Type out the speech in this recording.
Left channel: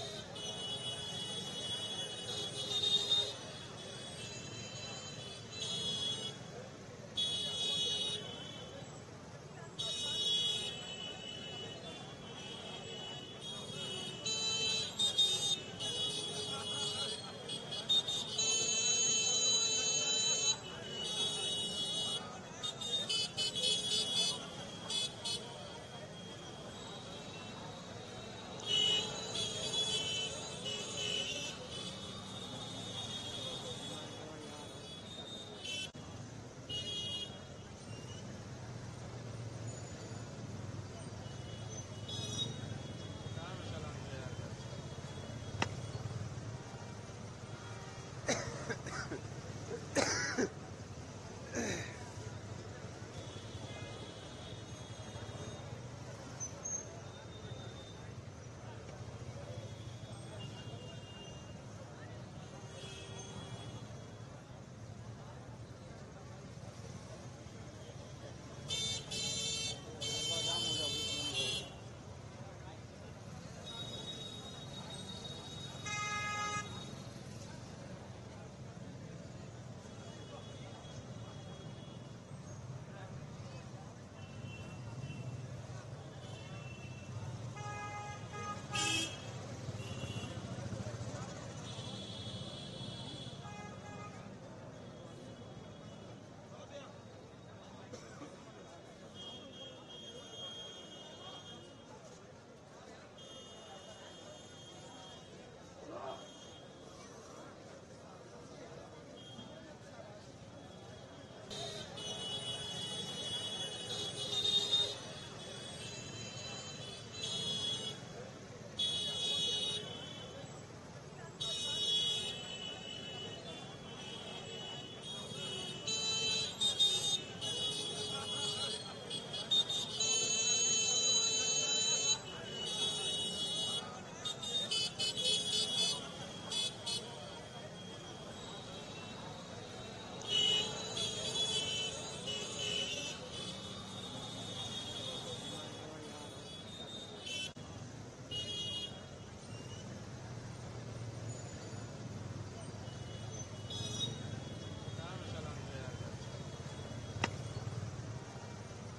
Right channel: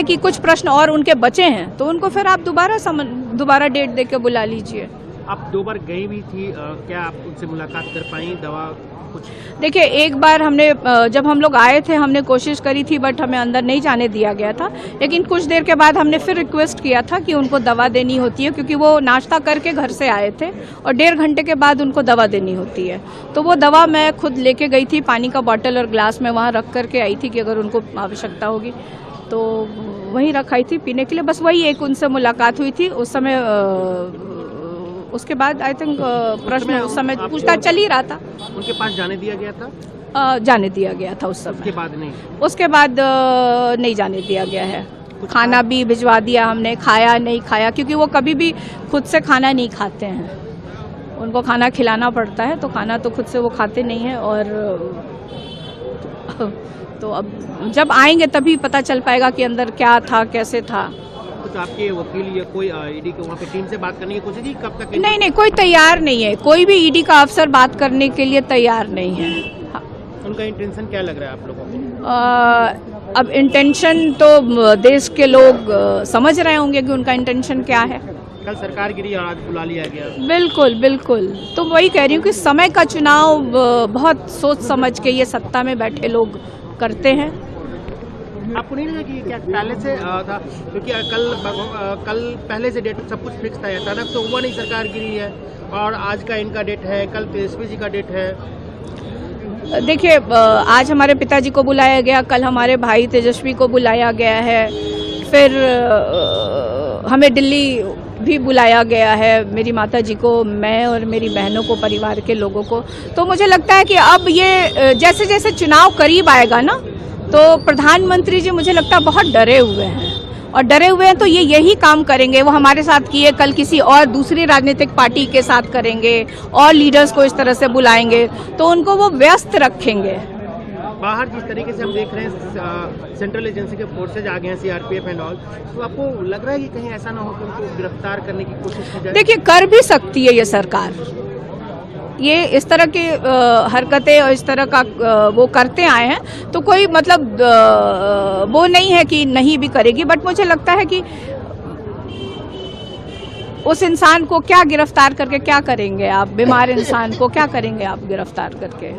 है कि कुछ प्रश्न और उनके बचे हैं तो उनको फिर आप दोबारा डेट दे के बुला लीजिए। आप 2 बार गई भी थी, क्या आप उनसे मुलाकात कर पाई? दवा कुछ? देखिए, एक बार हमने जब हम लोग आए थे हमने कोशिश करी थी, बट हमें अंदर नहीं जाने दिया गया था। लेकिन कुछ देर के बाद हमने फिर रिक्वेस्ट किया था कि उनको दवा देनी होती है, क्योंकि वो नाश्ता करके घर से आए थे और 1.5 घंटे के बाद उनको दवा देनी होती है। तो वो दवा मैं खुद लेके गई थी, पानी का बॉटल और ग्लास में वहाँ रख करके आई थी कि अगर उनको आवश्यकता होगी तो वहीं रखाई थी पीने के लिए। बस वही एक उनसे मुलाकात हुई थी उस समय। उसके बाद आई थिंक प्रश्न उस समय पूछताछ चल ही रहा था। उनके पास जाने दिया गया था? जाने दिया गया था उस समय। उसके बाद नहीं? उसके बाद नहीं जाने दिया गया है। खाना भी भिजवा दिया हमने, खाया नहीं खाया, क्योंकि वो कभी भी खुद से खाना नहीं खाते हैं। उनको खाना खिलाना पड़ता है, तो खाना तो खुद से वो खाते नहीं हैं। और तो अब जब आएंगे तभी पता चल पाएगा कि अंदर क्या था, कैसे था। कुछ आपके वकील या कोई ईडी के वहाँ पे टीम से बात करने की कोशिश की? कब तक? नहीं, कोई तैयार नहीं है। कोई भी ईडी का अफसर बात करने के लिए तैयार नहीं है। हाँ। उनका इंटेंशन क्या लग रहा है आप लोगों को? अब इंटेंशन तो देश के लोग समझ रहे होंगे कि उनका इंटेंशन क्या है। कल सरकार गिरी और आज बुला लिया गया। बिल्कुल। तो वही कह रही हूँ कि समय का चुनाव बहुत सोच समझ के ये सत्ता में बैठे लोग करते हैं। आपको नहीं लगा कि क्या पहले से था? क्योंकि कल पहले से डेट सब कुछ फिक्स था, अचानक तो हुआ नहीं, सरकार गिरी है और आज का इनका डेट है, कल तेजस्वी जी का डेट है। देखिए, आज हमारे पिताजी को बुलाया गया, कल हमारे भाई तेजस्वी को बुलाया गया है, फिर हमें दिल्ली भी बुलाया गया है, मेरी माता जी को, मैं और मेरी बहनों को, परिवार के लोगों को। तो मुझे लगता है कि अब ये जैसे जैसे चुनाव करीब आएगा ना, तो प्रधानमंत्री जी मुझे लगता है बहुत डरे हुए हैं। और डरे हुए हैं तो ये यही काम करेंगे। वो हमारे साथ किए, कल किसी और दूसरी राजनीतिक पार्टी के साथ करेंगे और लीडर्स को इस तरह से बुलाएंगे, तो उनको वो व्यस्त रखेंगे। बाहर जिस तरीके से हम देख रहे हैं सेंट्रल एजेंसी के फोर्सेज आ गए हैं, सीआरपीएफ एंड ऑल, तो आपको लग रहा है कि कहीं ऐसा ना हो कि उनको गिरफ्तार करने की कोशिश की जाए? देखिए, कर भी सकती है ये सरकार। ये इस तरह की हरकतें और इस तरह का वो करते आए हैं, तो कोई मतलब वो नहीं है कि नहीं भी करेगी। बट मुझे लगता है कि उस इंसान को क्या गिरफ्तार करके क्या करेंगे आप? बीमार इंसान को क्या करेंगे आप गिरफ्तार करके?